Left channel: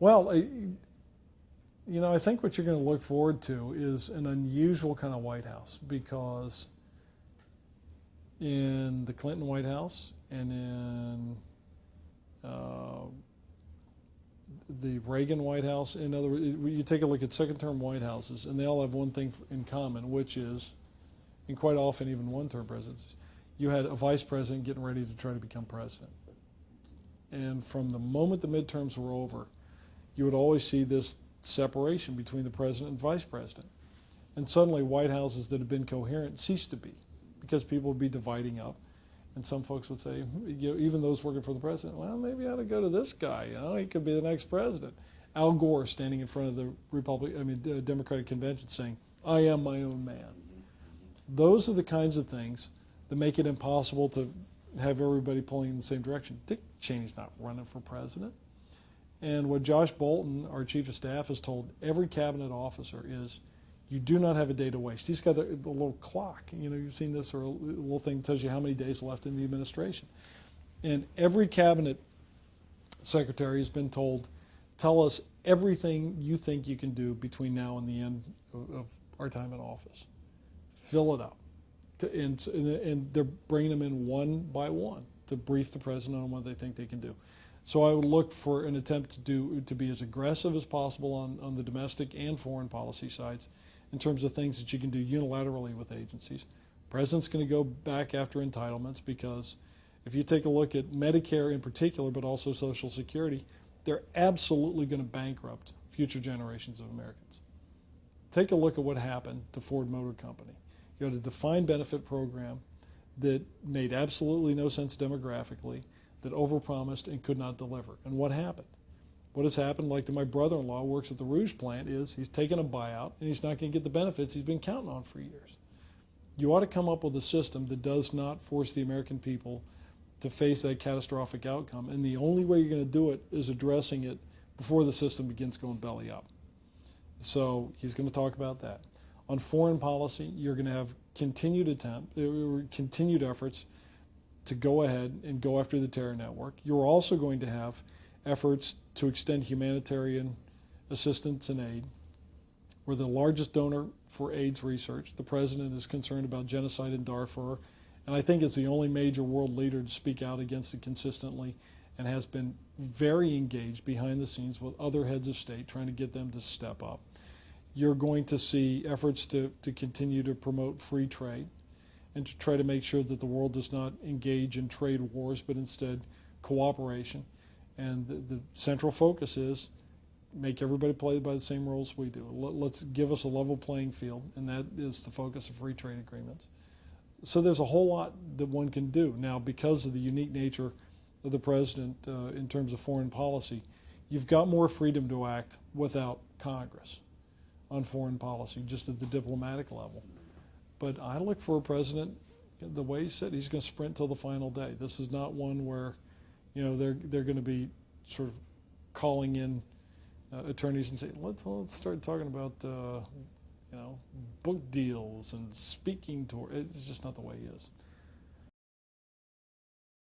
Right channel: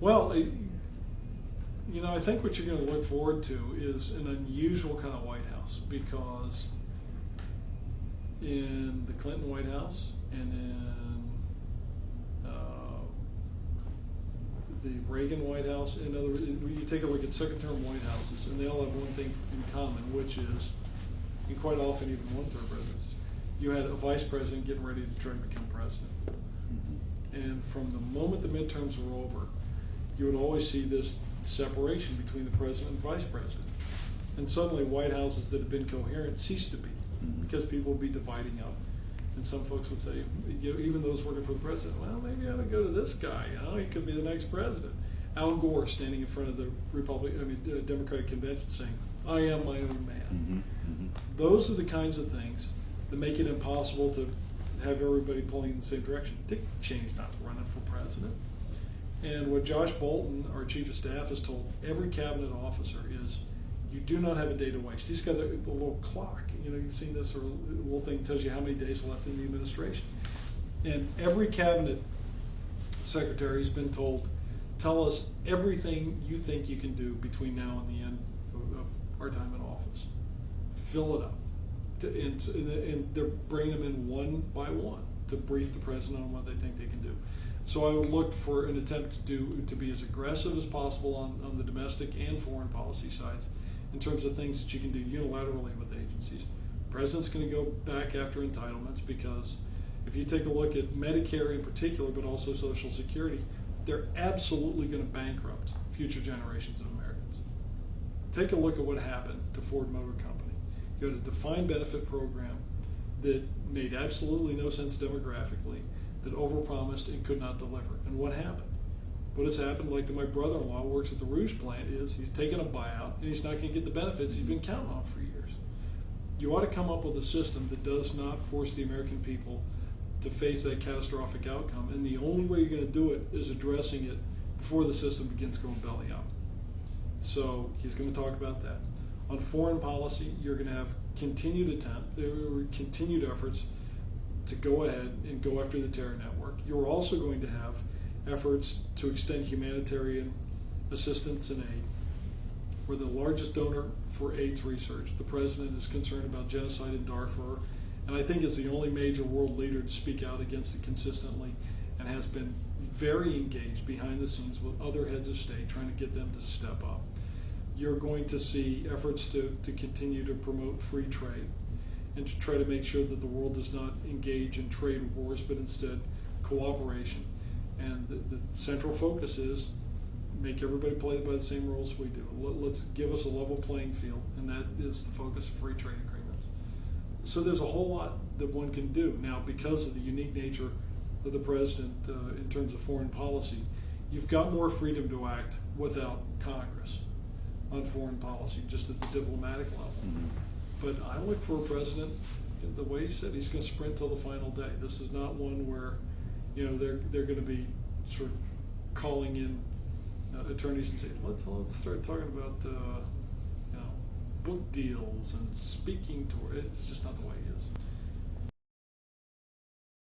Well, I think what you're going to look forward to is an unusual kind of White House, because in the Clinton White House and in the Reagan White House, in other words, you take a look at second-term White Houses, and they all have one thing in common, which is, and quite often even one-term presidents, you had a vice president getting ready to try to become president. And from the moment the midterms were over, you would always see this separation between the president and vice president. And suddenly White Houses that had been coherent ceased to be, because people would be dividing up. And some folks would say, even those working for the president, well, maybe I ought to go to this guy. He could be the next president. Al Gore standing in front of the Democratic convention saying, I am my own man. Those are the kinds of things that make it impossible to have everybody pulling in the same direction. Dick Cheney's not running for president. And what Josh Bolton, our chief of staff, has told every cabinet officer is, you do not have a day to waste. He's got the little clock. You've seen this, or a little thing that tells you how many days left in the administration. And every cabinet secretary has been told, tell us everything you think you can do between now and the end of our time in office. Fill it up. And they're bringing them in one by one to brief the president on what they think they can do. So I would look for an attempt to be as aggressive as possible on the domestic and foreign policy sides in terms of things that you can do unilaterally with agencies. The president's going to go back after entitlements, because if you take a look at Medicare in particular, but also Social Security, they're absolutely going to bankrupt future generations of Americans. Take a look at what happened to Ford Motor Company. You had a defined benefit program that made absolutely no sense demographically, that overpromised and could not deliver. And what happened? What has happened, like to my brother-in-law who works at the Rouge plant, is he's taken a buyout and he's not going to get the benefits he's been counting on for years. You ought to come up with a system that does not force the American people to face that catastrophic outcome. And the only way you're going to do it is addressing it before the system begins going belly up. So he's going to talk about that. On foreign policy, you're going to have continued efforts to go ahead and go after the terror network. You're also going to have efforts to extend humanitarian assistance and aid. We're the largest donor for AIDS research. The president is concerned about genocide in Darfur, and I think it's the only major world leader to speak out against it consistently, and has been very engaged behind the scenes with other heads of state, trying to get them to step up. You're going to see efforts to continue to promote free trade and to try to make sure that the world does not engage in trade wars, but instead cooperation. And the central focus is make everybody play by the same rules we do. Let's give us a level playing field, and that is the focus of free trade agreements. So there's a whole lot that one can do. Now, because of the unique nature of the president in terms of foreign policy, you've got more freedom to act without Congress on foreign policy, just at the diplomatic level. But I look for a president, the way he said, he's going to sprint till the final day. This is not one where they're going to be sort of calling in attorneys and say, let's start talking about book deals and speaking tour. It's just not the way he is.